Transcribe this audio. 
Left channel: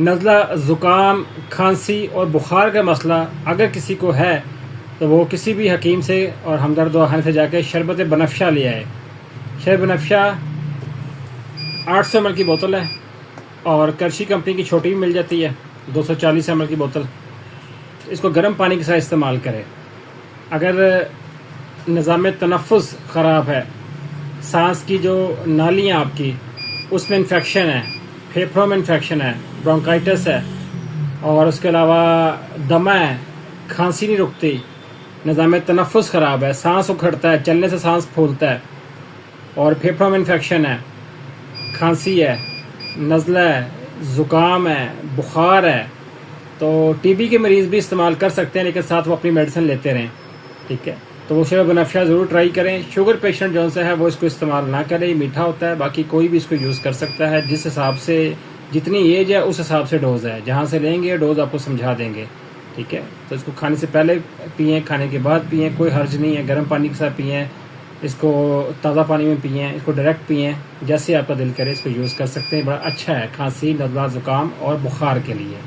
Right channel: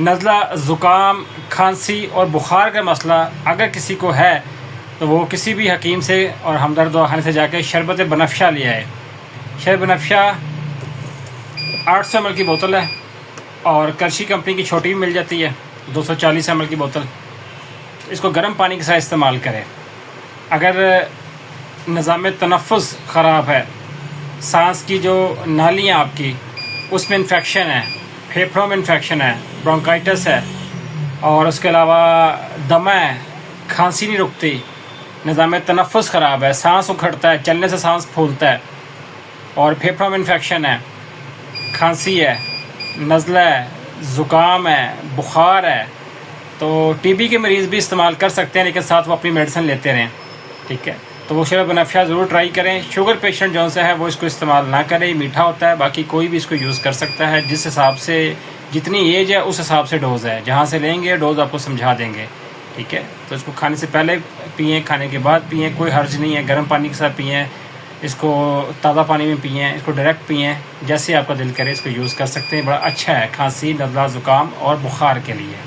नज़ला, ज़ुकाम, खांसी और बुखार का मसला अगर किसी को है तो वो किसी भी हकीम से और हमदर्द दवाखाने से जाके शरबत बनफ्शा ले आए। शरबत बनफ्शा 800 ml की बोतल है और करशी कंपनी की छोटी भी मिल जाती है 240 ml की बोतल। इसको गर्म पानी के साथ इस्तेमाल करें। अगर निज़ाम तनफ़ुस ख़राब है, सांस की जो नालियाँ आपकी उसमें इन्फेक्शन है, फेफड़ों में इन्फेक्शन है, ब्रोंकाइटिस है और उसके अलावा दमा है, खांसी नहीं रुकती, निज़ाम तनफ़ुस ख़राब है, सांस उखड़ता है, चलने से सांस फूलता है और फेफड़ों में इन्फेक्शन है, खांसी है, नज़ला है, ज़ुकाम है, बुखार है, तो टीबी के मरीज़ भी इस्तेमाल कर सकते हैं, लेकिन साथ वो अपनी मेडिसिन लेते रहें। ठीक है, तो वो शरबत बनफ्शा ज़रूर ट्राई करें। शुगर पेशेंट जो सा है वो इसको इस्तेमाल ना करें, मीठा होता है। बाकी कोई भी इसको यूज़ कर सकता है, जिस हिसाब से जितनी एज है उस हिसाब से डोज़ है, जहाँ से लेंगे डोज़ आपको समझा देंगे। ठीक है, तो इसको खाने से पहले पिएँ, खाने के बाद पिएँ, कोई हर्ज नहीं है। गर्म पानी के साथ पिएँ, इसको ताज़ा पानी में पिएँ, इसको डायरेक्ट पिएँ, जैसे आपका दिल करे इसको यूज़ कर सकते हैं। बड़ा अच्छा है खांसी, नज़ला, ज़ुकाम और बुखार के लिए।